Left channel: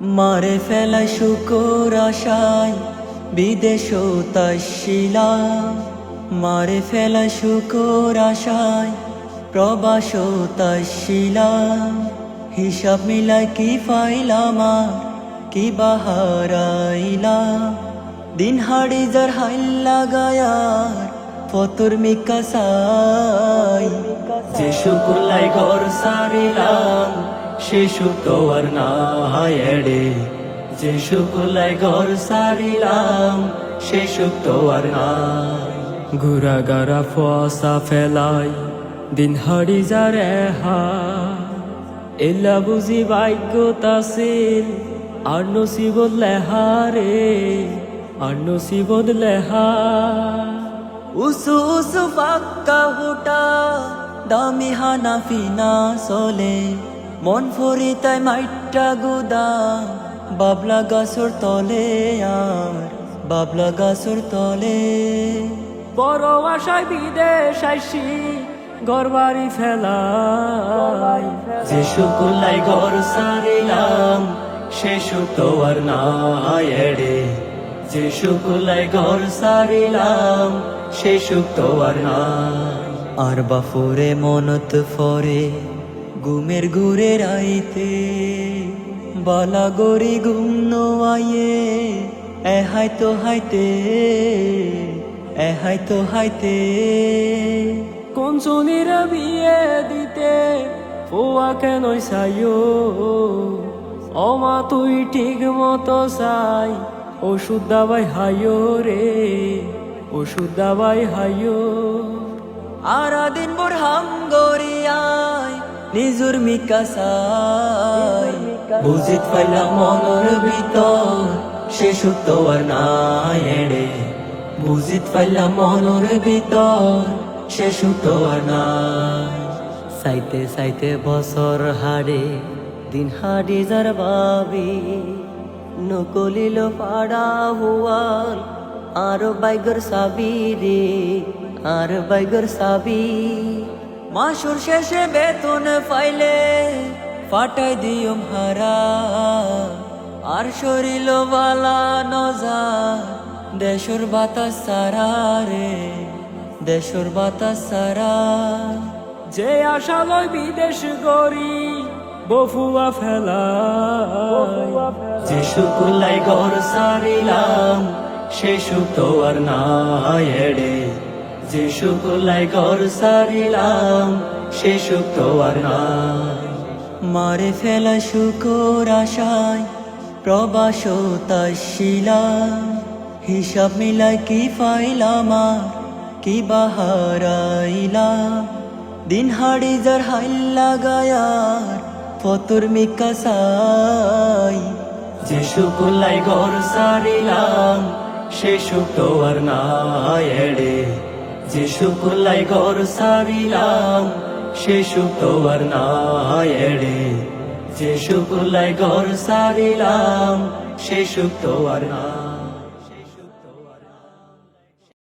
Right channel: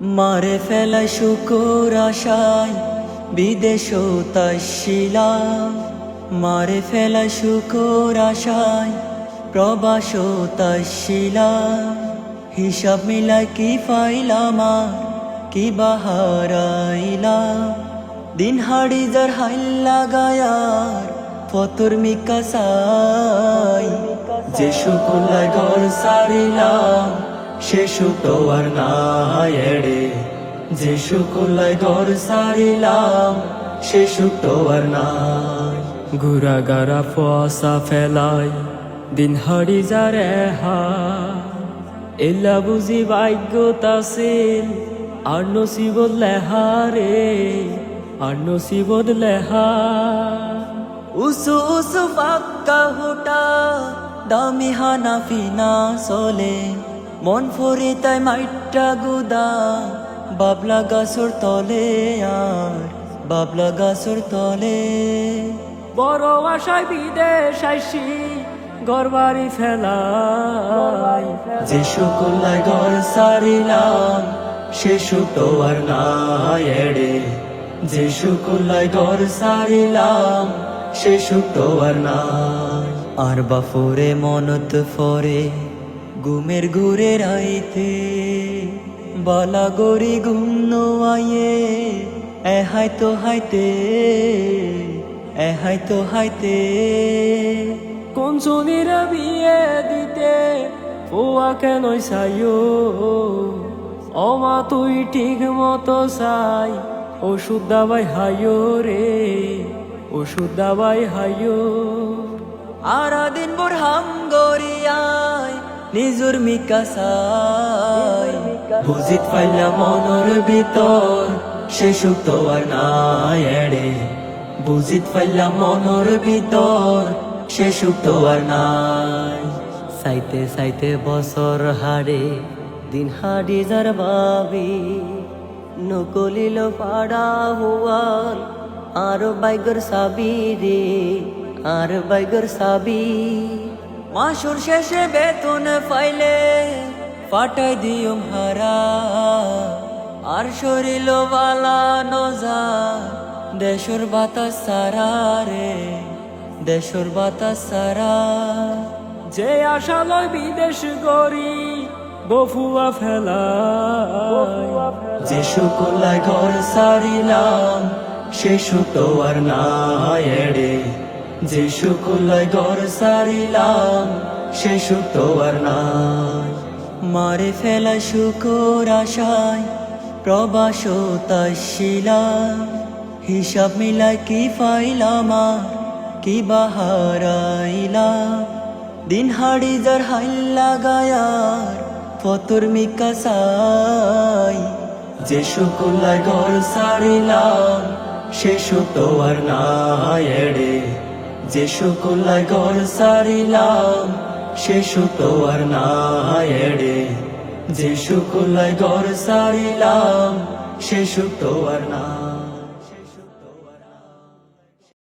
মারে ফেলা শুকর আশায় বিদেশ তাইছিলাম, মারে ফেলা শুকর আশায় প্রবাস তাইছিলাম। হিসাব মিলাই কি পাইলাম আর কি বাহারাইলাম, দিন হাড়ি যার হাইল্লা গায়ার ফতুর মিকা সাই। যে শুকুলাই ঘর সারিলাম সে তো আর নাই এড়ে, যে শুকুলাই ঘর সারিলাম সে তো আর নাই। ঘুরা গারা ফসা ফেলাই দিন হাড়ি যারে হা, এলা বুঝি ভাগ্য তাছিল আর নসিবত লেহারে, আর নসিবত লেহা। উসু উসু ফাক্কা হুটা দামি হানাফি না চলে, মন ফরি তাই মাইট্টা গুদা বাবলা গাছর তলে আর বাবলা গাছর তলে। বড় আশায় বিদেশ আইসি গরবারি ফেলাই, যে শুকুলাই ঘর সারিলাম সে তো আর নাই এড়ে, যে শুকুলাই ঘর সারিলাম সে তো আর নাই। আর বাফরে মনত ফরে গুমের ঘুরে রাইতে, বালা গরি ঘুম নোয়াইয়ে এ হাইতো হাইতে, এ হাইতো হাইতে। কোন চুনিরা বিয়ে দিতে পোয়া কেন চাইও, অমা তুই ঠিক মতো চাই ওষুধ দাবাই হাইও রে, ওষুধ দাবাই হাইও। আরা দিন ভোর হাম গরিয়ায় নিজুর মিকা সাই, বুঝিত পাইলা মনের ভিতর সে তো আর নাই এড়ে, বুঝিত পাইলা মনের ভিতর সে তো আর নাই। সাইতে সাইতে বছর হাড়ে দিন হাড়ি যার বাবি, নকলিল পাড়া হুয়াল আর বাইগর সাবি রে, আর বাইগর সাবি। মাসুর শেষে বেতন পাইলে ফাটাই দিয়ম হারা, আর শরীর বালা নজা দেশর বাতাস সারা রে, দেশর বাতাস সারা। যে আশা লয় বিদেশ গরি বফুয়া ফেলাই, যে শুকুলাই ঘর সারিলাম সে তো আর নাই এড়ে, যে শুকুলাই ঘর সারিলাম সে তো আর নাই। মারে ফেলা শুকর আশায় প্রবাস তাইছিলাম, হিসাব মিলাই কি পাইলাম আর কি বাহারাইলাম, দিন হাড়ি যার হাইল্লা গায়ার ফতুর মিকা সাই। যে শুকুলাই ঘর সারিলাম সে তো আর নাই এড়ে, যে শুকুলাই ঘর সারিলাম সে তো আর নাই এড়ে, যে শুকুলাই ঘর সারিলাম সে তো আর নাই।